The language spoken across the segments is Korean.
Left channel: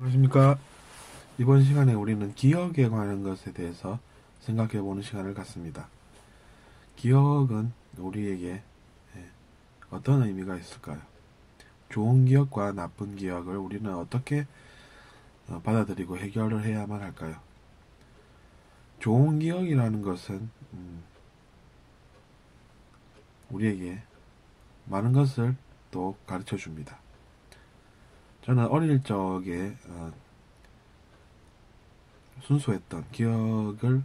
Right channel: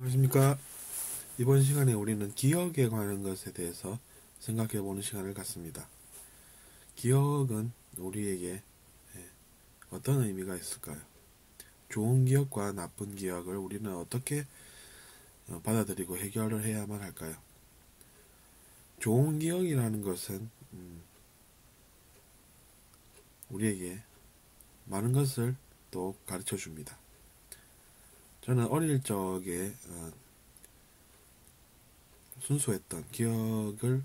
안녕하십니까. 이번 시간에 우리는 기억에 관한 것에 대해서 생각해보는 시간을 갖습니다. 기억은 우리에게 어떤 의미가 있을까요? 좋은 기억과 나쁜 기억을 우리는 어떻게 받아들이고 해결을 해야만 할까요? 좋은 기억이라는 것은 우리에게 많은 것을 또 가르쳐 줍니다. 저는 어릴 적에 순수했던 기억을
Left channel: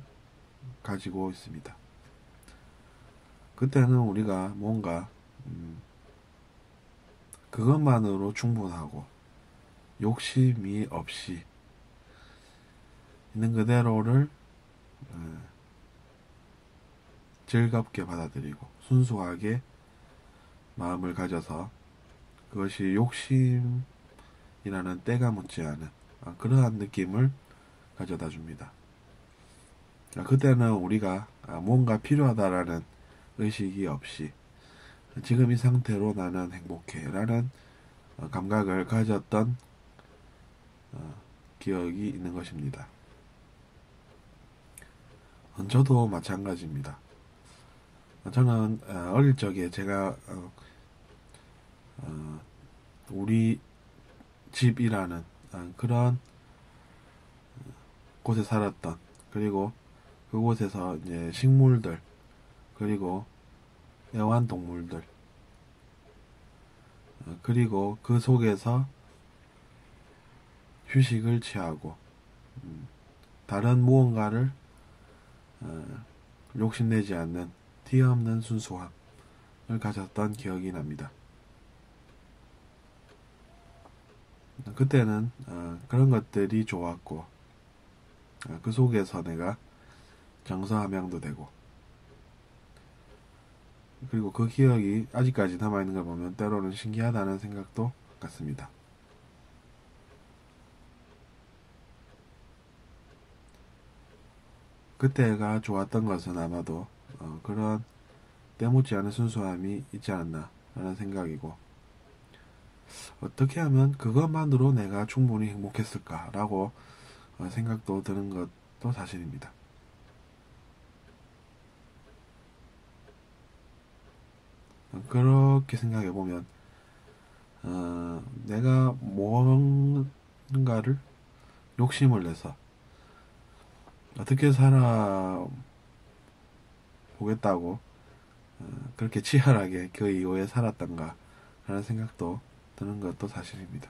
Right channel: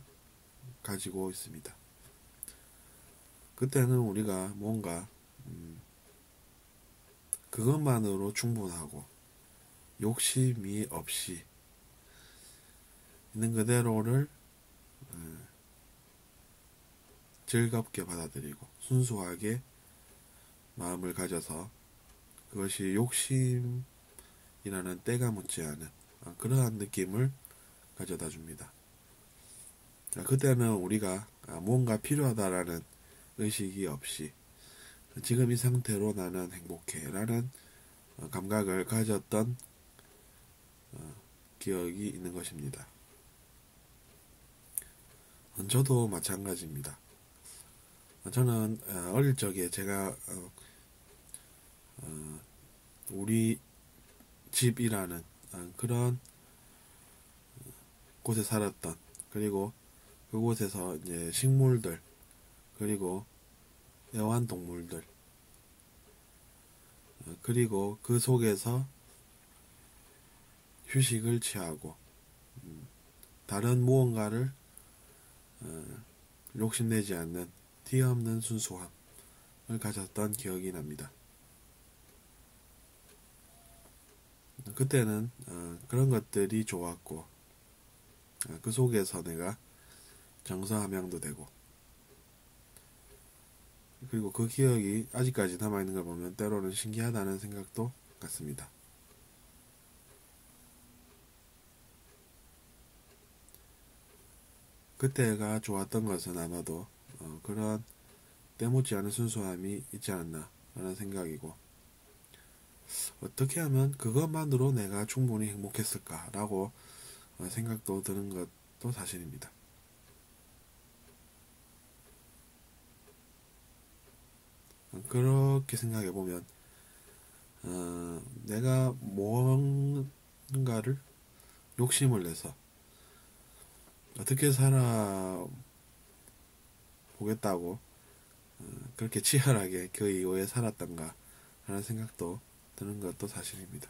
가지고 있습니다. 그때는 우리가 뭔가 그것만으로 충분하고 욕심이 없이 있는 그대로를 즐겁게 받아들이고 순수하게 마음을 가져서 그것이 욕심이라는 때가 묻지 않은 그러한 느낌을 가져다 줍니다. 그때는 우리가 뭔가 필요하다라는 의식이 없이 지금 이 상태로 나는 행복해 라는 감각을 가졌던 기억이 있는 것입니다. 저도 마찬가지입니다. 저는 어릴 적에 제가 우리 집이라는 그런 곳에 살았던, 그리고 그곳에서 이제 식물들, 그리고 애완동물들, 그리고 그 속에서 휴식을 취하고 다른 무언가를 욕심내지 않는 티없는 순수함을 가졌던 기억이 납니다. 그때는 그런 것들이 좋았고 그 속에서 내가 정서함양도 되고, 그리고 그 기억이 아직까지 남아있는 걸 보면 때로는 신기하다는 생각도 갖습니다. 그때가 좋았던 것은 아마도 그런 때묻지 않은 순수함이 있지 않나 하는 생각이고, 어떻게 하면 그것만으로 내가 충분히 행복했을까라고 생각도 드는 것도 사실입니다. 그렇게 생각해보면 내가 뭔가를 욕심을 내서 어떻게 살아보겠다고 그렇게 치열하게 그 이후에 살았던가 하는 생각도 드는 것도 사실입니다.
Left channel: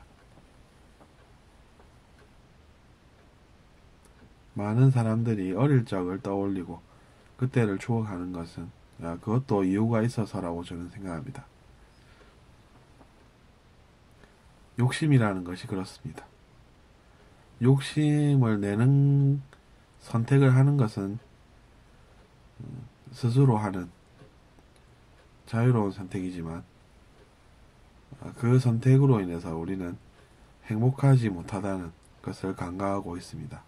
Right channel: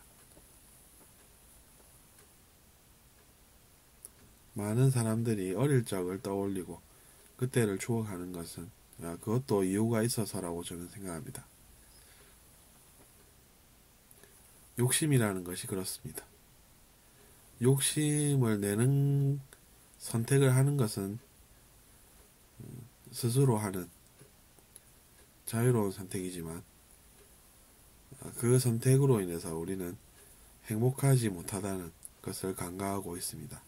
많은 사람들이 어릴 적을 떠올리고 그때를 추억하는 것은 그것도 이유가 있어서라고 저는 생각합니다. 욕심이라는 것이 그렇습니다. 욕심을 내는 선택을 하는 것은 스스로 하는 자유로운 선택이지만 그 선택으로 인해서 우리는 행복하지 못하다는 것을 간과하고 있습니다.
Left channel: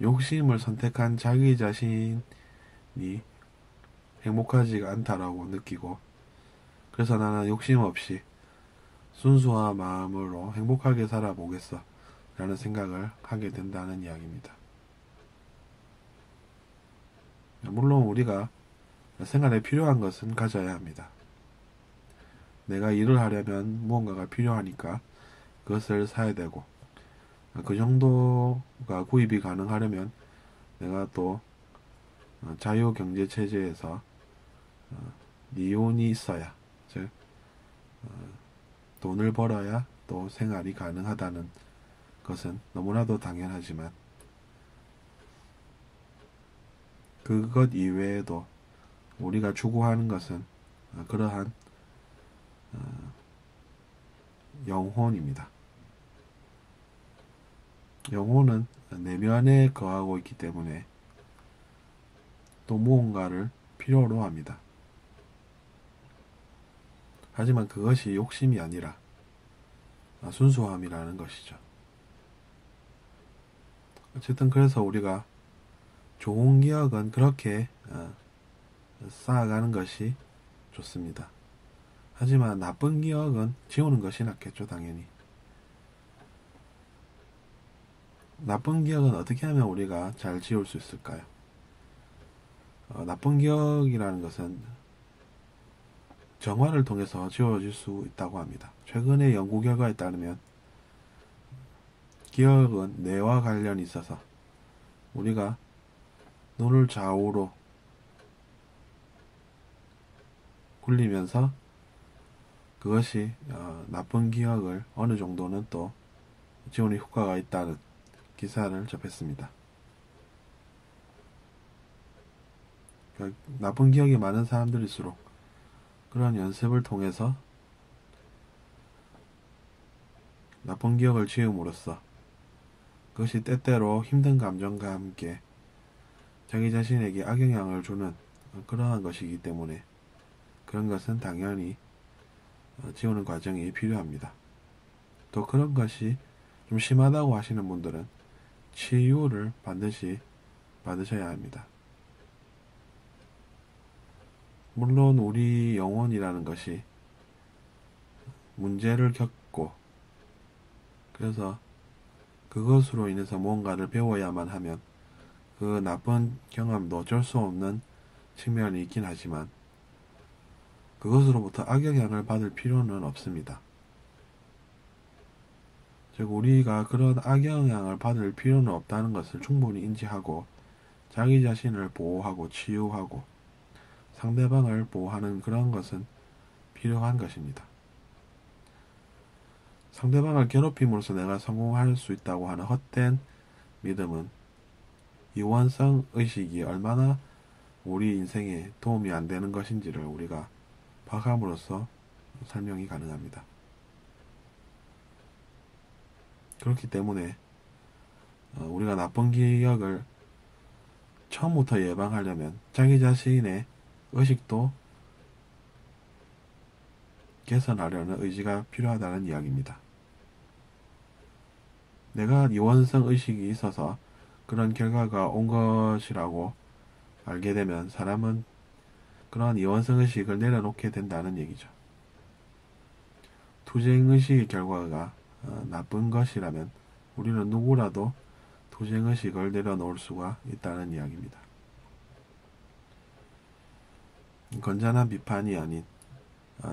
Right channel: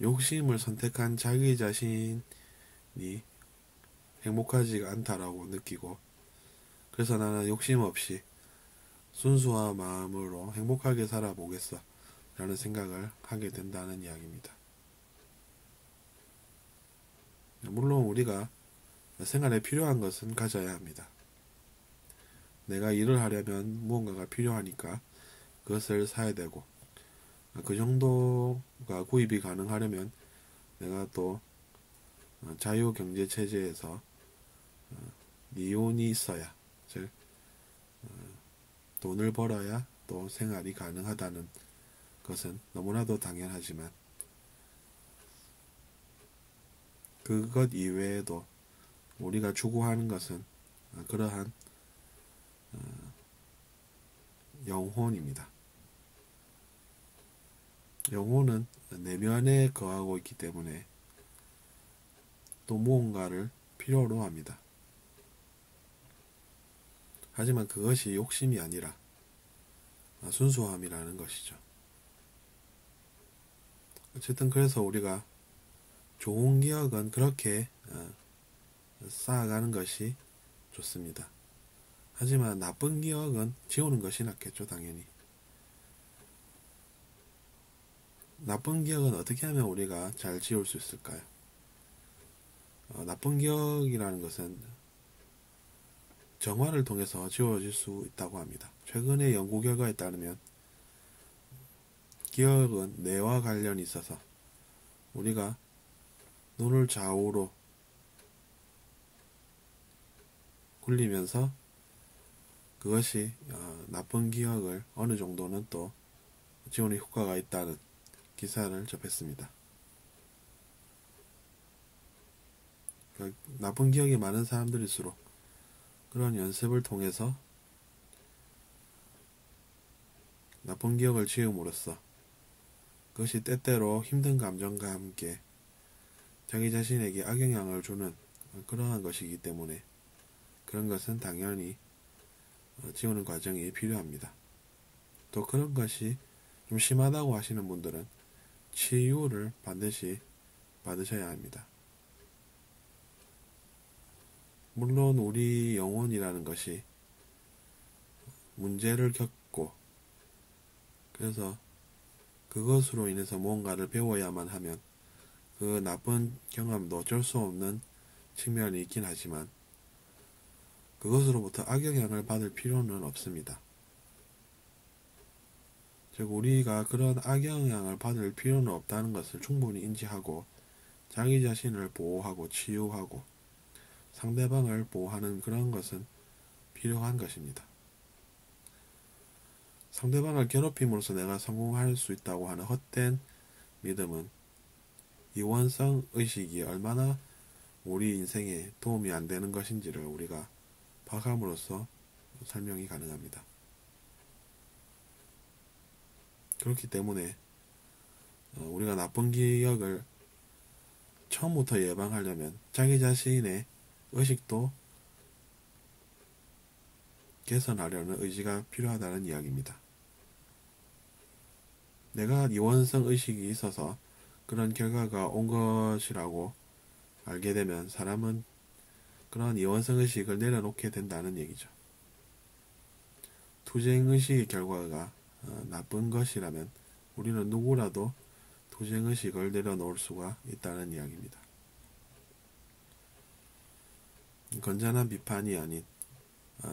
욕심을 선택한 자기 자신이 행복하지가 않다라고 느끼고, 그래서 나는 욕심 없이 순수한 마음으로 행복하게 살아보겠어 라는 생각을 하게 된다는 이야기입니다. 물론 우리가 생활에 필요한 것은 가져야 합니다. 내가 일을 하려면 무언가가 필요하니까 그것을 사야 되고, 그 정도가 구입이 가능하려면 내가 또 자유경제체제에서 이윤이 있어야, 즉 돈을 벌어야 또 생활이 가능하다는 것은 너무나도 당연하지만, 그것 이외에도 우리가 추구하는 것은 그러한 영혼입니다. 영혼은 내면에 거하고 있기 때문에 또 무언가를 필요로 합니다. 하지만 그것이 욕심이 아니라 순수함이라는 것이죠. 어쨌든 그래서 우리가 좋은 기억은 그렇게 쌓아가는 것이 좋습니다. 하지만 나쁜 기억은 지우는 것이 낫겠죠, 당연히. 나쁜 기억은 어떻게 하면 우리가 잘 지울 수 있을까요? 나쁜 기억이라는 것은 정화를 통해서 지워질 수 있다고 합니다. 최근의 연구 결과에 따르면 기억은 뇌와 관련이 있어서 우리가 눈을 좌우로 굴리면서 그것이 나쁜 기억을 어느 정도는 또 지우는 효과가 있다는 기사를 접했습니다. 그러니까 나쁜 기억이 많은 사람들일수록 그런 연습을 통해서 나쁜 기억을 지음으로써 그것이 때때로 힘든 감정과 함께 자기 자신에게 악영향을 주는 그러한 것이기 때문에 그런 것은 당연히 지우는 과정이 필요합니다. 또 그런 것이 좀 심하다고 하시는 분들은 치유를 반드시 받으셔야 합니다. 물론 우리 영혼이라는 것이 문제를 겪고 그래서 그것으로 인해서 무언가를 배워야만 하면 그 나쁜 경험도 어쩔 수 없는 측면이 있긴 하지만 그것으로부터 악영향을 받을 필요는 없습니다. 즉 우리가 그런 악영향을 받을 필요는 없다는 것을 충분히 인지하고 자기 자신을 보호하고 치유하고 상대방을 보호하는 그런 것은 필요한 것입니다. 상대방을 괴롭힘으로써 내가 성공할 수 있다고 하는 헛된 믿음은 이원성 의식이 얼마나 우리 인생에 도움이 안 되는 것인지를 우리가 파악함으로써 설명이 가능합니다. 그렇기 때문에 우리가 나쁜 기억을 처음부터 예방하려면 자기 자신의 의식도 개선하려는 의지가 필요하다는 이야기입니다. 내가 이원성 의식이 있어서 그런 결과가 온 것이라고 알게 되면 사람은 그러한 이원성 의식을 내려놓게 된다는 얘기죠. 투쟁 의식의 결과가 나쁜 것이라면 우리는 누구라도 투쟁 의식을 내려놓을 수가 있다는 이야기입니다. 건전한 비판이 아닌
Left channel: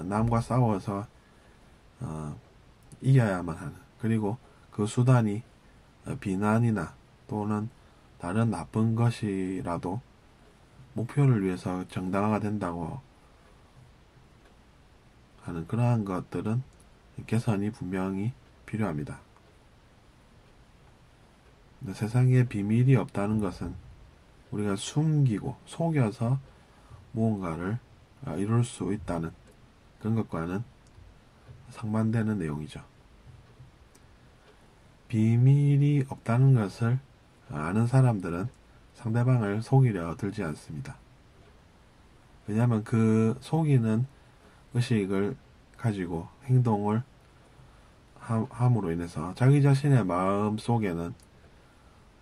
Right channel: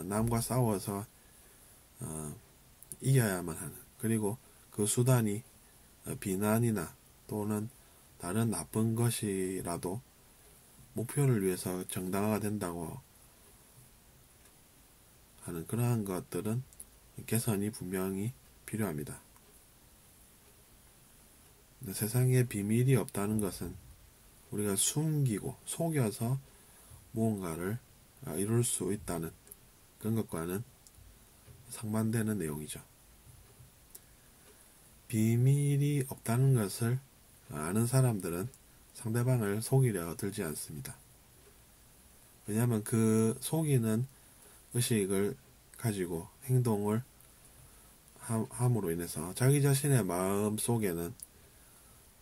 남과 싸워서 이겨야만 하는, 그리고 그 수단이 비난이나 또는 다른 나쁜 것이라도 목표를 위해서 정당화가 된다고 하는 그러한 것들은 개선이 분명히 필요합니다. 세상에 비밀이 없다는 것은 우리가 숨기고 속여서 무언가를 이룰 수 있다는 그런 것과는 상반되는 내용이죠. 비밀이 없다는 것을 아는 사람들은 상대방을 속이려 들지 않습니다. 왜냐하면 그 속이는 의식을 가지고 행동을 함으로 인해서 자기 자신의 마음 속에는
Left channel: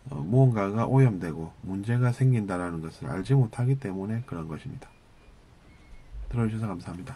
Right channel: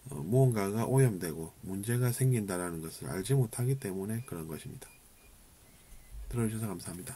무언가가 오염되고 문제가 생긴다라는 것을 알지 못하기 때문에 그런 것입니다. 들어주셔서 감사합니다.